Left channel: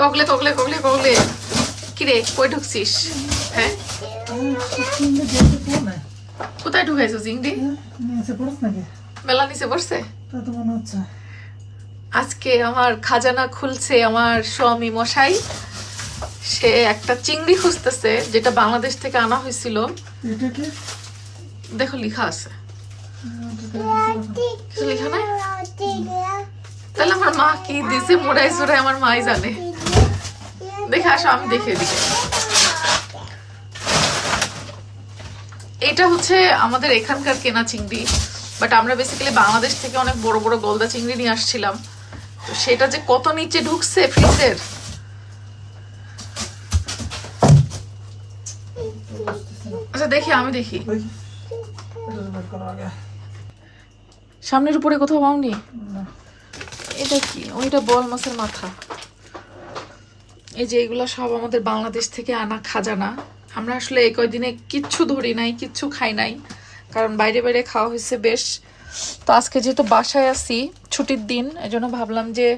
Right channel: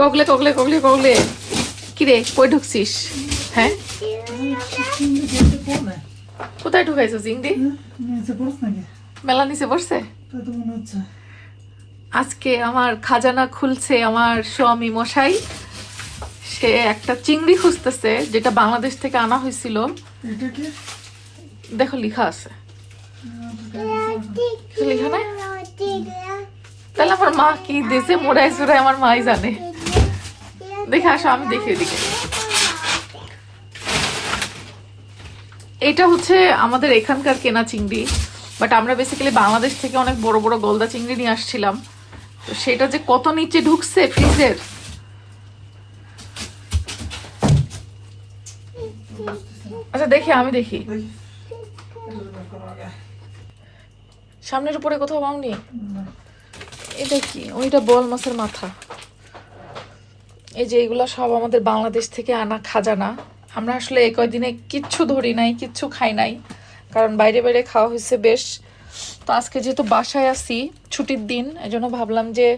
কগলে কগলে কগলে কগলে কিরে কই ঢুকছিস? হ্যাঁ কোথায় ঢুকাইছো চিংড়ি? মেলা নিচে পড়ছে। আজকে আমার খাজানা খুলছে আমার স্বামী মশাই। সে একটা চিংড়ি খুঁজতেছে যেটা বাংলাদেশ থেকে আনা হয়েছিল। দেখো লিখা আছে, লিখা না? তাহলে আমার মা কি দিয়েছে মোড়াই চোড়াই আমার মাই জানে। দেখে আসো আমি দেখিয়ে দিই। এটা হচ্ছে আমাদের এখানকার কেনা চিংড়ি, বাট আমরা বেসিক্যালি বাংলাদেশ থেকে অনেক বড় বড় গলদা চিংড়ি নিয়ে আসছিলাম। তো সেটা যে কত নিচে ঢুকছে ফ্রিজের। আচ্ছা দেখি, আমি দেখি। সামনের উপরে কোথাও পাওনি? এটা কি? ওইটা বোয়াল মাছের মাথা। এই যে এগুলা সব আমাদের বাংলাদেশ থেকে আনা খাজানা। আমরা আসলে এই কয়দিনে কিচ্ছু ধরি নাই, কিচ্ছু খাই নাই, কারণ বাইরে বাইরে খাওয়া হয়েছে বেশ। তো আজকে যেহেতু বাসায় আছি, ছুটির দিন, এই জন্য ভাবলাম যে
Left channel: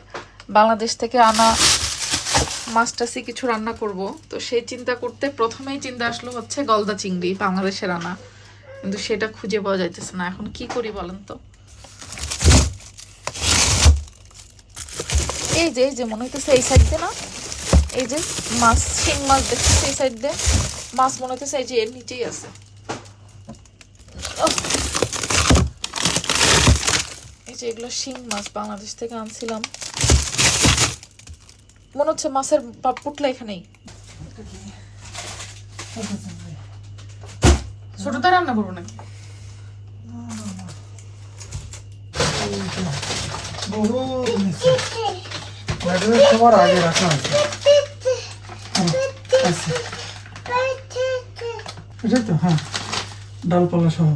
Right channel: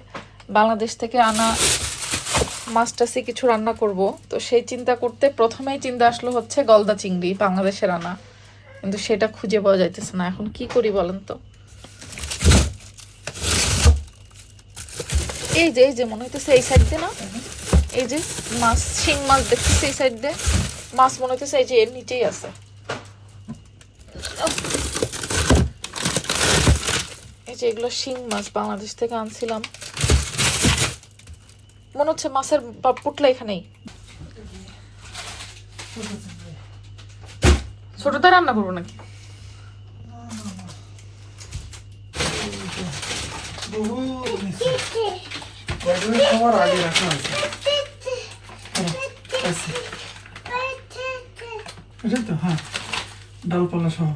বাংলাদেশ থেকে আনা মাছ টাছে কিছু রান্না করব। তো সেই চিন্তা করতে প্রথমেই চিন্তা আসলো হচ্ছে গলদা চিংড়ি, বাংলাদেশের আনা, কিন্তু সেটা খুঁজে পাওয়া যাইতেছে না। এখন কি করি বলেন তো? এই যে মনে হইতেছে এই সাইড দিয়ে না, এই যে মাছ, শিং মাছ দেখতেছে এই সাইড দিয়ে। মাছ মনে হইতেছে এই যে এর নিচেই আছে। এই যে এগুলো শিং মাছ, বাংলাদেশ থেকে আনছিলাম। মনে হচ্ছে মাছের পুটলা এখানেই। ছোটটা রান্না করবো নাকি? তোমার আগে রাখা আছে। এটাই তো, হ্যাঁ, ডালপালা সহ।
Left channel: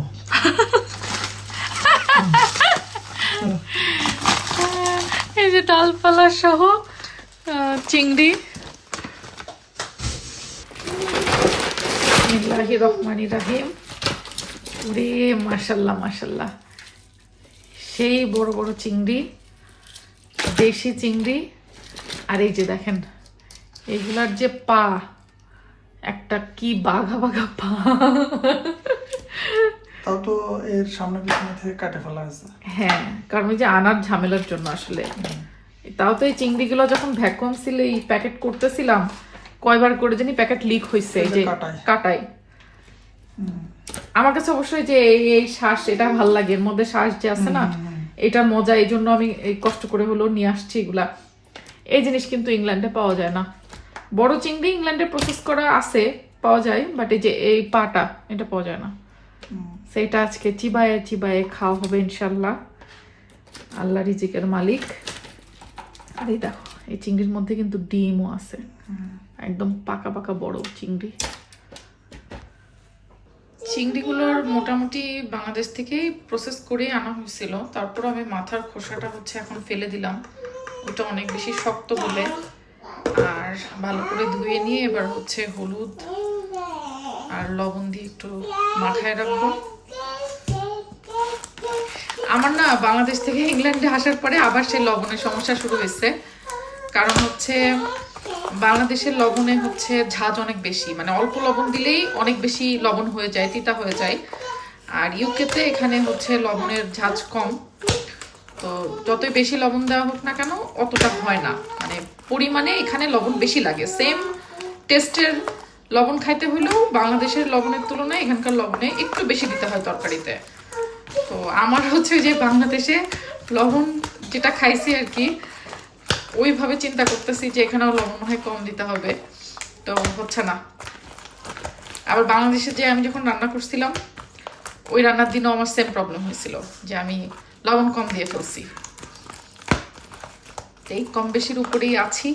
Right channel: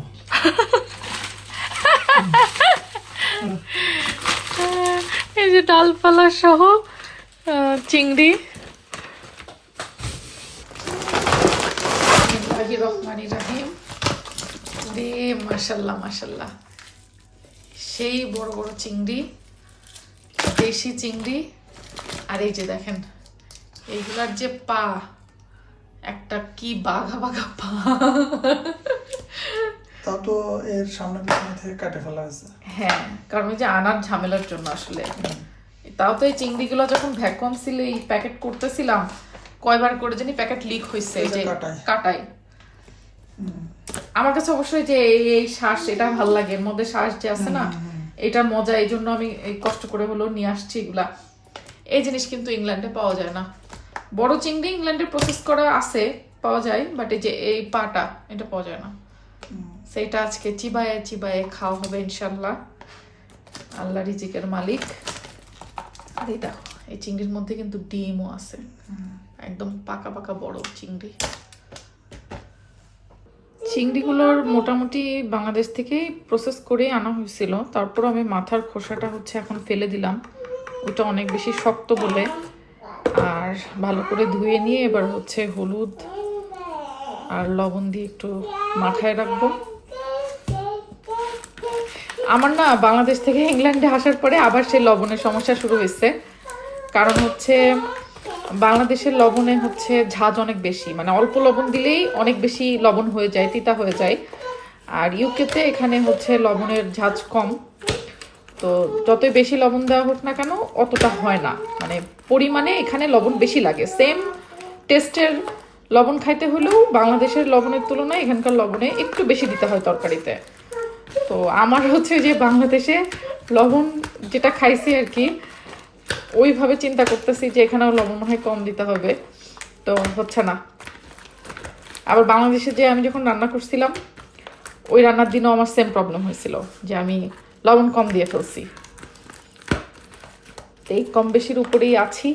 এই যে ডালপালা সহ চিংড়ি। মাশাল্লাহ মাশাল্লাহ, সেই বড় বড় চিংড়ি, দেশি চিংড়ি। আর এই যে দেখেন এইগুলার যে পা, একটা কি বাঘা বাঘা পা। তাও তো এর সামনে পিছনে থেকে কাটে ফেলা হয়েছে। হ্যাঁ, কারণ এই যে আনার ঝামেলার জন্য আসলে। তাও তো এই চিংড়িগুলো যখন ভ্যাকুয়াম সিলে এই প্যাকেট করতেছিলাম, কয়বার করে জানি প্যাকেট লিক হয়েছে যে কাটাই। আমার কাছে অবশ্যই যে এই শ্বাস, এটা ভাল লাগে, এর মধ্যে শ্বাস যে আছে না, এটা মজা, এই জন্য আমি এই কষ্ট করে হলেও নিয়ে আসছি এগুলা। এই জিনিস কিন্তু ইংল্যান্ডে পাওয়া যায় না। বড় চিংড়ি ইংল্যান্ডে প্রসেস করা আছে, পাওয়া যায়, বাট এই যে এই পাটা, এটা পাওয়া যায় না। সেটা আজকে চিবায়ে চিবায়ে খাওয়া হবে ইনশাল্লাহ। আল্লাহ রিজিকের মালিক। আর এই দেখো এই চিংড়ির মধ্যে কিন্তু ডিমও আছে, একদম পাকা পাকা বড় চিংড়ি। চিংড়িগুলোর মোটামুটি বাংলাদেশ থেকে প্রসেস করে আনা হয়েছিল। তারপর আমি মাথার খোসাটা হচ্ছে এখন ফেলে দিলাম, ওটা অনেক বেশি শক্ত বলে। আর ভালো করে ধুয়ে নিয়ে এবার হচ্ছে হলুদ আর লবণ দিয়ে একটু মাথায় রাখবো। আমার না বাংলাদেশ থেকে ইংল্যান্ডে আসার পরে আবার সেই লবণের সমস্যা শুরু হয়েছে। কারণ হচ্ছে বাংলাদেশের লবণে হচ্ছে ঝাঁজ অনেক বেশি, মানে অল্প লবণ দিলেই অনেক বেশি লবণ হয়ে যায়, তিতা হয়ে যায়। আর ইউকেতে এখানে হচ্ছে লবণের ঝাঁজ কম, তো যতই বেশি লবণ দেওয়া হোক না কেন অতটা হয় না, মানে পরিমাণে এখানে লবণ বেশি লাগে। সেম টেস্টের লবণ খাইতে হলেও বাংলাদেশের লবণের তুলনায় এখানকার লবণে একটু বেশি দিতে হয় তরকারিতে। তো আমার হচ্ছে যে বাংলাদেশে লবণ যেটা খাইছি আর কি, ওইভাবে চিন্তা করতেছি যে এখানেও লবণ হয় কম দিতে হবে, তো হচ্ছে না। আবার বাংলাদেশে যে আমি যখন রান্না করছিলাম, ওই রান্নার দিনও আমার সেম প্রবলেম হয়েছিল যে আমি লবণ কম দিয়ে ফেলছি। এই কম বেশির উপরেই আছি।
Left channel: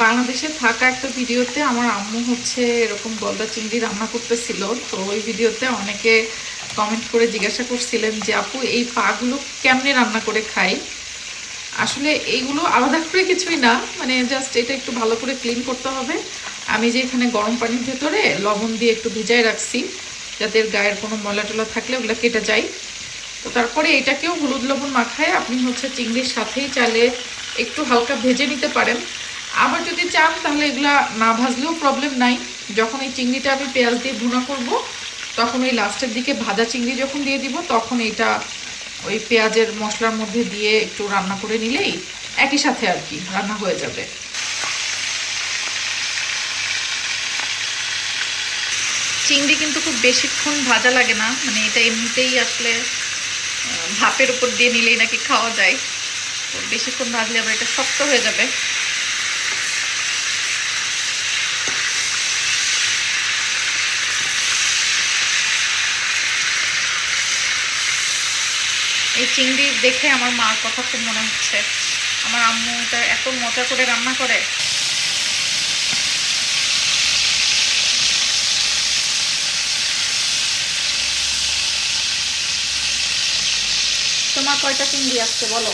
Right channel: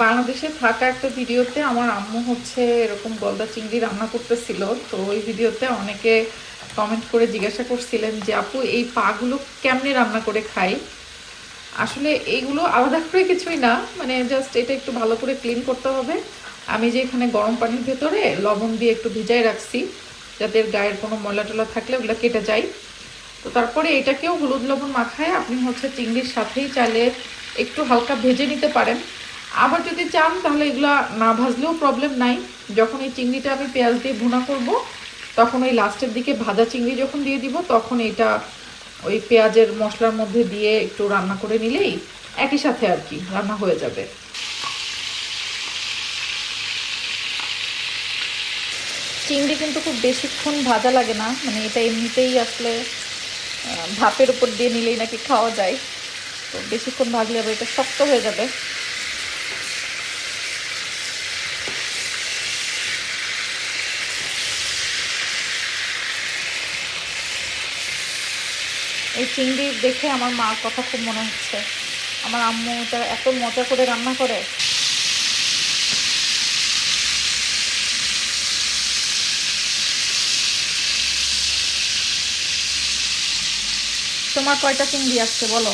বাংলাদেশে থাকা একটা ভিডিওতে আমার আম্মু হচ্ছে এরকম গলদা চিংড়ি রান্না করতেছিল। তো ওই ভিডিওতে অনেকে কমেন্ট করে জিজ্ঞাসা করছিলেন যে আপু এই পাগুলো কেমনে রান্না করে খাই। আসলে এইগুলো আলাদা করে কিছুই না, মানে জাস্ট এটা একটু ভালো করে ক্লিন করতে হবে। আমি যে এখানে গরম পানির ভেতরে লবণ দিয়ে একটু ভিজায় রাখছি যাতে এর গায়ের কোনো ময়লা টলা থাকলে ওগুলো কেটে যায়। তো তারপরে এটাকেও হলুদ লবণ মাখায় আপনি হচ্ছে চিংড়ির সাথেই চালে একটু হালকা ভেজে নিতে পারেন। আবার যদি চান তাহলে এগুলা না ভাজলেও প্রবলেম নাই। যখন এই চিংড়িটা আমি পেঁয়াজ দিয়ে ভুনা করব তখন ওই লাস্টের দিকে ভাজা চিংড়ি যখন দিয়ে দিব তখন এটা ওই পেঁয়াজের মশলার মধ্যে দিয়ে একটু রান্না করে নিলেই একই সাথে আর কি রান্না হয়ে যাবে। চিংড়ি কিন্তু খুব বেশিক্ষণ ভাজা লাগে না, মানে এটা এমনিতেই আসলে ভাপের উপর দিয়ে নিলেই নাকি খাওয়া যায়। তো বেশিক্ষণ ভাজলে আবার এটা শক্ত হয়ে যাবে। এই চিংড়ি দেখে আমার মার কথা খুব মনে হচ্ছে। আমার আম্মু এটা এত মজা করে রান্না করে। তোমার কয়টা চিংড়ি আসছে বলো?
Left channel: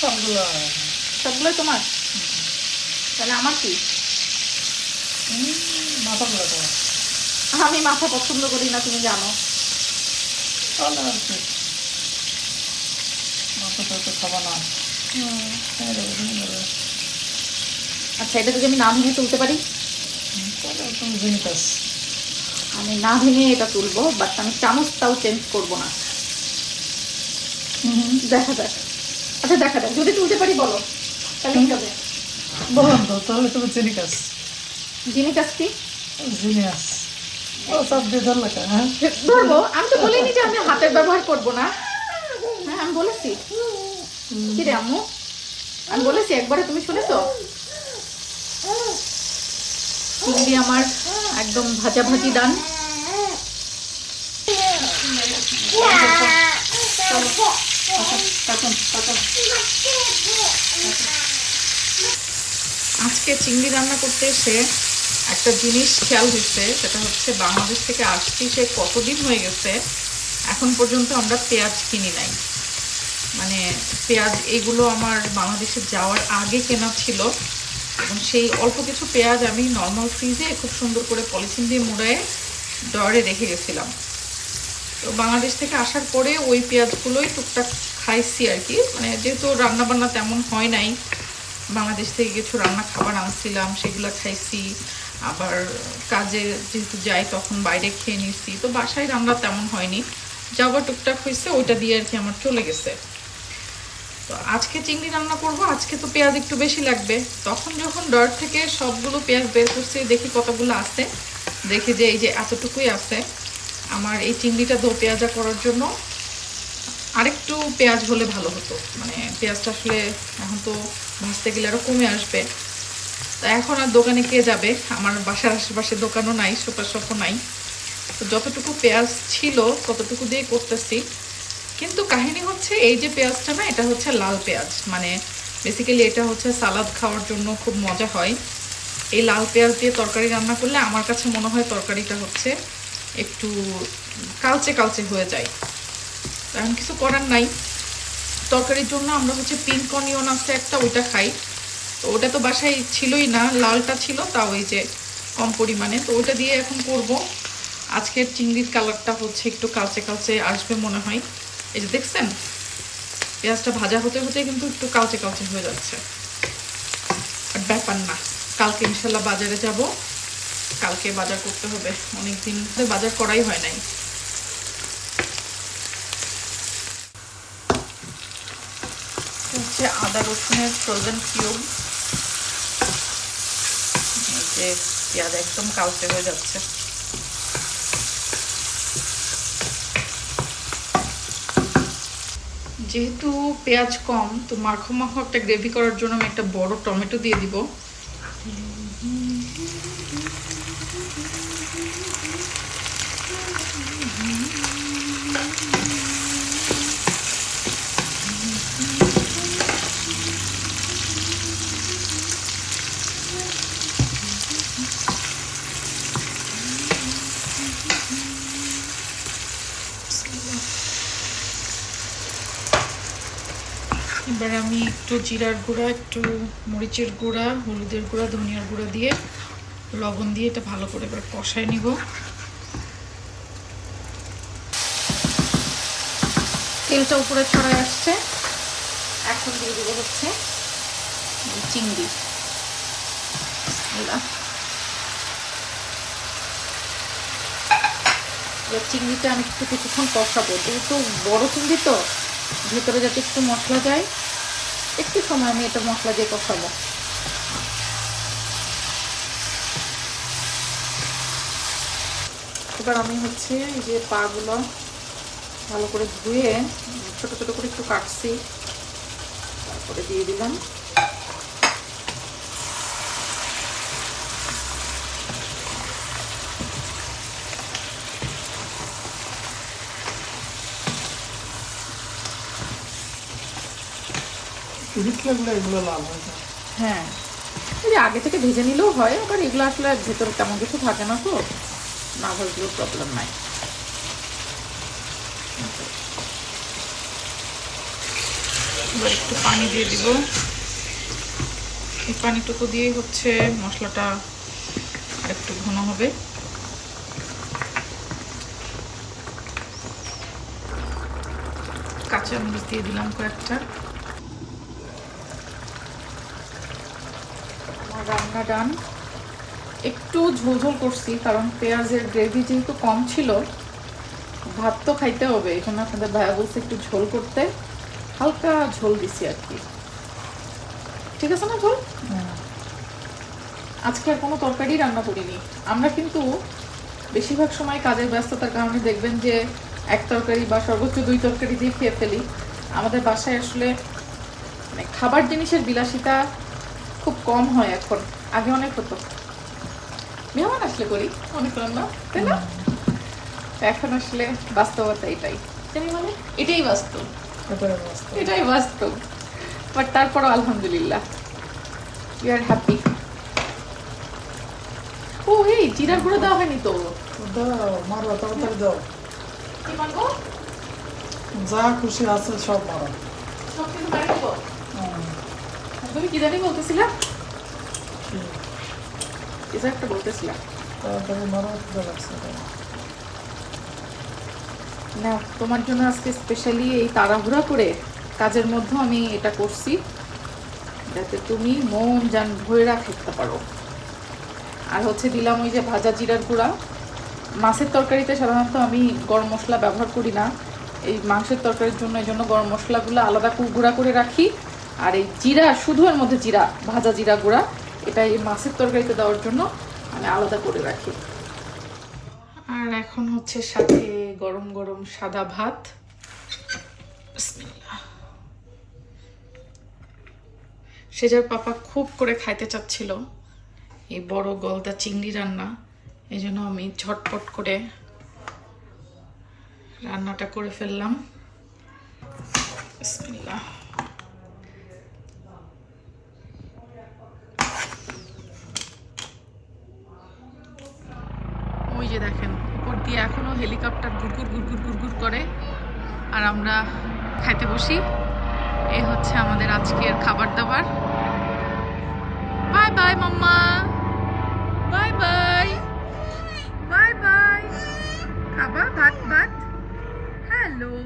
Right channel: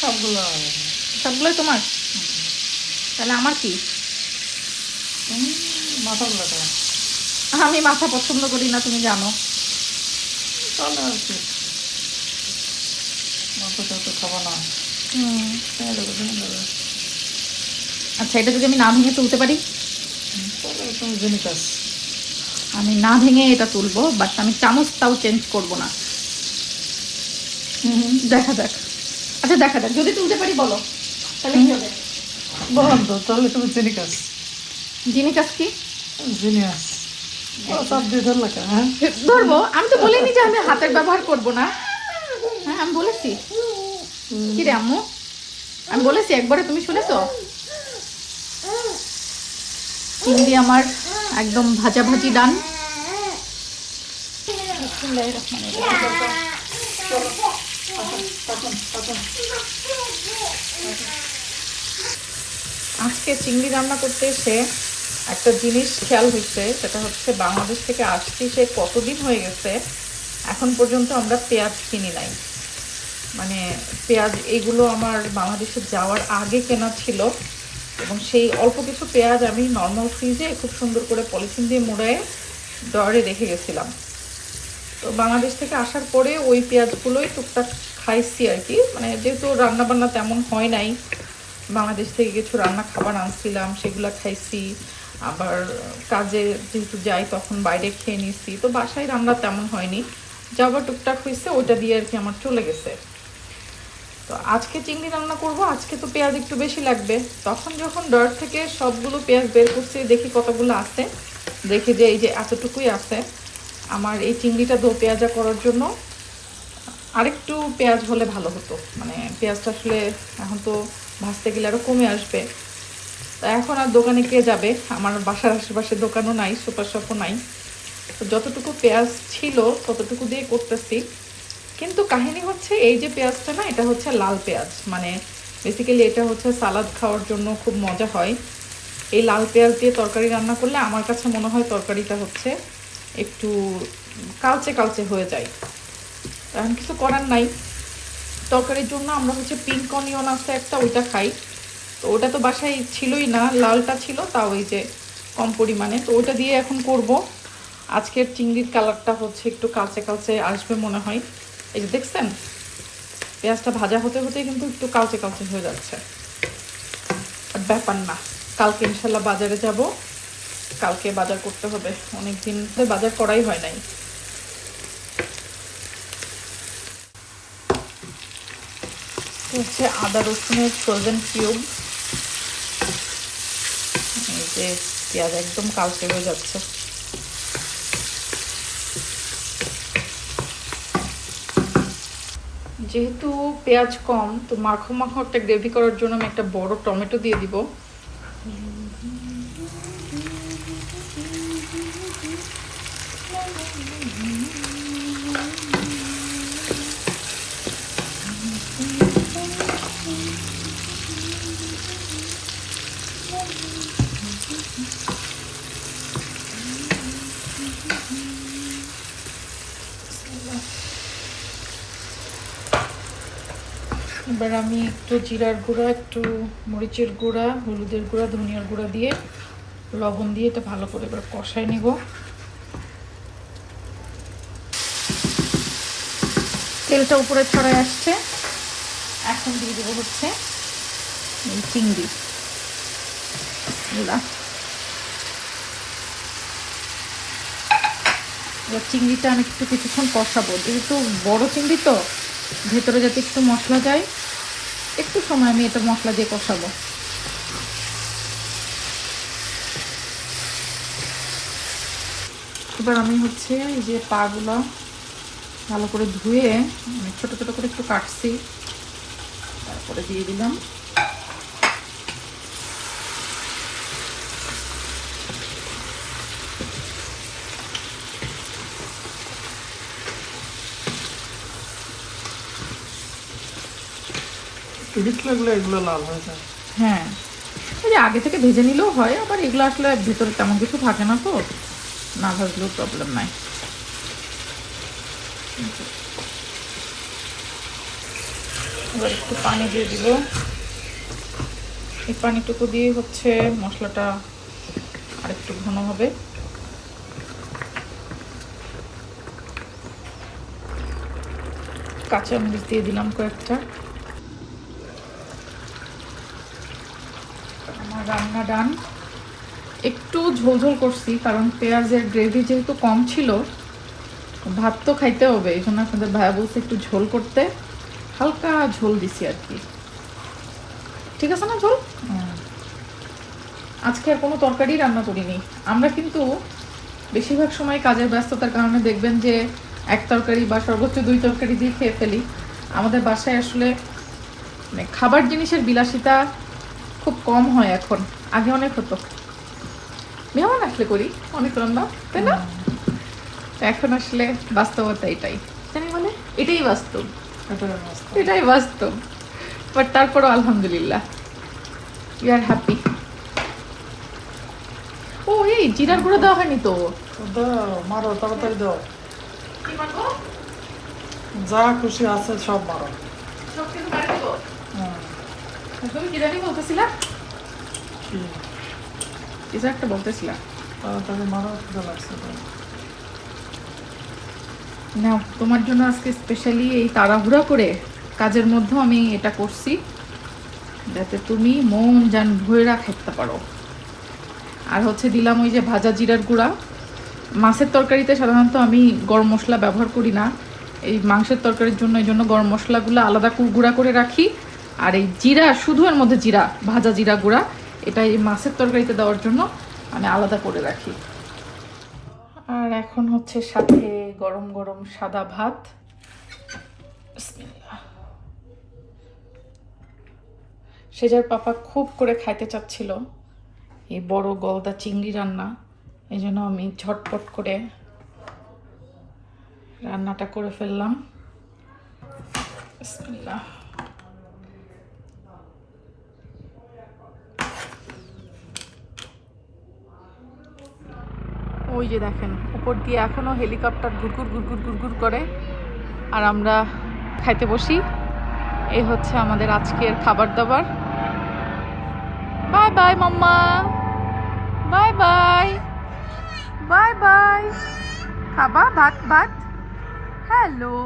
সবগুলো সবগুলো তোমার? তাহলে আমার কি? তুমি মাথাগুলো তো আমি মাথা পছন্দ করি না, তুমি জানো। তাহলে আর কি মাথাটা তো খাবা না। আচ্ছা, এটা যদি আমি না ভেঙে তুলতে পারি? তাহলে তুমি জেনিকাস। আমি না ভেঙে এটা তুলবো, বাট আমি চামচটাও চেঞ্জ করবো না। দেখা যাক। আচ্ছা দেখা যাক, যদি তুলতে পারি বলো তাহলে কি হবে? বললাম তো, তাহলে তুমি জেনিকাস। জিনিকাস কি? জিনিয়াস। ও সব দিয়ে ধরলা কা? হ্যাঁ ধরবো। আমি তো বলিনি যে আমি হাতের ব্যবহার করবো না। হ্যাঁ আমি বলেছি। কি রে আম্মু, আমি বলেছি একবারে, তুমি শুনেছো? চিংড়ি আমার একদম ভাজা ভাজি ডান। আজকে চিংড়ি রান্না করতে এসে একটা জিনিস খেয়াল হয়েছে, সেটা হচ্ছে বাংলাদেশ থেকে আসছি সে কতদিন হয়ে গেছে এখন পর্যন্ত আমরা পেঁয়াজ কিনি নাই। মানে পেঁয়াজ এইগুলো আমার বাংলাদেশে যাওয়ার আগে কেনা ছিল, এবং সেই অল্প কিছু পেঁয়াজ আমি নর্মাল ফ্রিজে খুব সুন্দর করে পলিথিন দিয়ে মুড়ায়ে ডয়ারে রেখে গেছিলাম। তো বাংলাদেশ থেকে আসার পরে ওই পেঁয়াজগুলোই টুকটাক খাইছি আর কি, মানে যেহেতু রান্নাবান্না তেমন হয় নাই, বাংলাদেশ থেকে কিছু রান্না খাবার আনছিলাম সেগুলো খাইছি। আবার কাজে যেহেতু যাই তখন বাইরে খেয়ে নিছি, তো বাসায় রান্না তেমন হয়নি, যাবার টুকটাক হয়েছে ওইটা দিয়ে আর কি আমার চলে গেছে। তো আজকে চিংড়ি রান্না করব, আজকে তো পেঁয়াজ একটু বেশি লাগবে। তখন যখন ডয়ার থেকে সবগুলো পেঁয়াজ বের করছি দেখি কতগুলো আছে, দেখি যে এই যে এতটুকুই আছে। আমার এই চিংড়িটা দো পেঁয়াজা করার জন্য আরেকটু পেঁয়াজ হলে ভালো হতো, মানে পেঁয়াজটা আসলে এখন তো ভাজতে গেলে আরও কমে আসবে। তা এখন আর দোকানে কে যাবে, আমার বাসার আশেপাশে দোকানও নাই, সুপার শপও নাই। তো যতটুকু পেঁয়াজ ছিল ততটুকু দিয়ে করতেছি। কিন্তু কাহিনী হচ্ছে এই যে পেঁয়াজটা না, এটা হচ্ছে লাল পেঁয়াজ, মানে বেসিক্যালি এটা হচ্ছে সালাদ খাওয়ার জন্য খুব মজা হয়। এই লাল পেঁয়াজ দিয়ে তরকারি রান্না করলে আমার কাছে মনে হয় তরকারিটা হচ্ছে একটু কালচে কালচে হয়ে যায়। এখন কিছু করার নাই, তরকারির জন্য আমরা হচ্ছে পিঙ্ক অনিয়ন আছে একটা, ওইটা খাই। তো ওটা তো বাসায় ছিলই না, লালটা ছিল, তাও ওই যে কম পরিমাণে, তো ওটা দিয়ে এখন করব। আজকের চিংড়ির কালারটা হচ্ছে একটু কালচে কালচে আসবে মনে হয়। এই যে দেখছেন পেঁয়াজটা ভাজা হতে হতে কিন্তু একটু কালচে কালচে হয়ে যাচ্ছে। আর ব্যাপার না, কালকে ইনশাল্লাহ বাজারে যাব, কালকে বাজার করতে হবে, অনেকদিন বাজার করাই হয় নাই। হচ্ছে আদা রসুনের ফ্রোজেন কিউব, যে পেঁয়াজ একদম কালচে হয়ে যাচ্ছে। যেহেতু পেঁয়াজ কম, তো মাখো মাখো একটা গ্রেভি করার জন্য আমি একটা বড় টমেটো দিয়ে দিব। এবার আমি একটু জিরার গুঁড়া, একটু মরিচের গুঁড়া, হলুদের গুঁড়া, ধনিয়ার গুঁড়া দিয়ে লবণ দিয়ে এটা ভালো করে এবার কষাই নিব। তেলটা উপরে ছড়ে আসছে, এখন দিয়ে দেবো হচ্ছে চিংড়ি। চিংড়িটা আমি একটু কিছুক্ষণ কষাবো, যেহেতু বড় চিংড়ি তো ভেতরে যাতে একটু মশলা যায়, একটু সময় আমি এটা মশলা দিয়ে কষাবো। এবার আমি হচ্ছে এই যে পাগুলো ভালো করে ধুয়ে ছোট ছোট করে একটু কাটছি, তারপরে দিয়ে দিলাম। হিট লাগলে এগুলো লাল হয়ে যায়। হ্যাঁ, এই আগে থেকে ভেজে নিলেও হয়, আবার এগুলো আসলে ভেতরে তেমন কিছু থাকে না, তো না ভাজলে প্রবলেম নাই। এবার একটু পানি দিয়ে দিব, এই পানিটুকু দিয়ে হচ্ছে মশলাটা আরেকটু ঘন হবে। কাঁচা মরিচ দিয়ে দিলাম কয়েকটা। আমার রান্না ডান। একটু ঝোল ঝোল করছি, কারণ পেঁয়াজের গ্রেভি যেহেতু কম ছিল, ভাত তো খাইতে হবে, এই জন্য আপনাদের ভাইয়া বলছে একটু ঝোল করতে, হালকা ঝোল দিছি আর কি। ঠিক আছে না ঝোল? আজকে আর কোনো তরকারি রান্না করিনি। আমরা কিন্তু বেশিরভাগ সময় কাজের ব্যস্ততার কারণে দেখবেন যে এক তরকারি বা সর্বোচ্চ 2 তরকারি দিয়ে খেয়ে ফেলি। আমাদের বাসায় আসলে মানে খাবার জিনিসের বিলাসিতা খুব কম হয় এখন, আগে অনেক হতো। মেহমান আসলে করি অনেক রান্না, তাই না? এখন আসলে বাস্তবতা এটাই, মানে এটাই বাস্তব, এটাই বাস্তব। বাট তারপরও আলহামদুলিল্লাহ, ইউ আর হ্যাপি। ও এই জিরার গুঁড়ো দেওয়া হয়নি তো? দাও, মারো, তাড়াতাড়ি দাও। কি মারবো? যা খুশি আছে সব মারো। সব কিছু করে দেবো? তুমি কি জানি বলতেছিলা? কি? কিছু একটা বলতেছিলা। তাড়াতাড়ি মারো, খিদে লাগছে। না, তোমার জন্য আজকে স্পেশালি এই তাড়াহুড়া করে কাজের মধ্যে আমি এটা করছি, যাতে তুমি মন জান ভরে খেতে পারো। আর হচ্ছে দিলাম ওই যে ভাজা জিরার গুঁড়া। মাছের তরকারিতে সাধারণত আমি গরম মশলা ব্যবহার করি না, এই মাংসের তরকারির জন্য এই জন্য গরম মশলাগুলো আলাদা করে গুঁড়া করে রাখি। আর এই জিরা, শুধু এর মধ্যে জিরা, ভাজা জিরা গুঁড়া, এটা এই মাছের তরকারিতে দেওয়ার জন্য আমি আলাদা করে রাখি। আর এখন হচ্ছে সাথে গরম গরম সাদা ভাত। বিসমিল্লাহ। সেজার পাপা খুব করে খাইতে চাচ্ছিল এই বড় গলদা চিংড়ি রান্না, এই জন্য আমি ঝটপট করে রান্নাটা করে ফেললাম। বিসমিল্লাহ। ওই যে দেখেন উপর দিয়ে এখনো হেলিকপ্টার ঘুরঘুর ঘুরঘুর ঘুরঘুর করে, আর আমরা খাইতে বসি। এই হচ্ছে আমাদের আজকের খাবার দাবার। বাই বাই মাম্মা, বাই বাই, বাই বাই। খাবা ভাত ভাত? হ্যালো।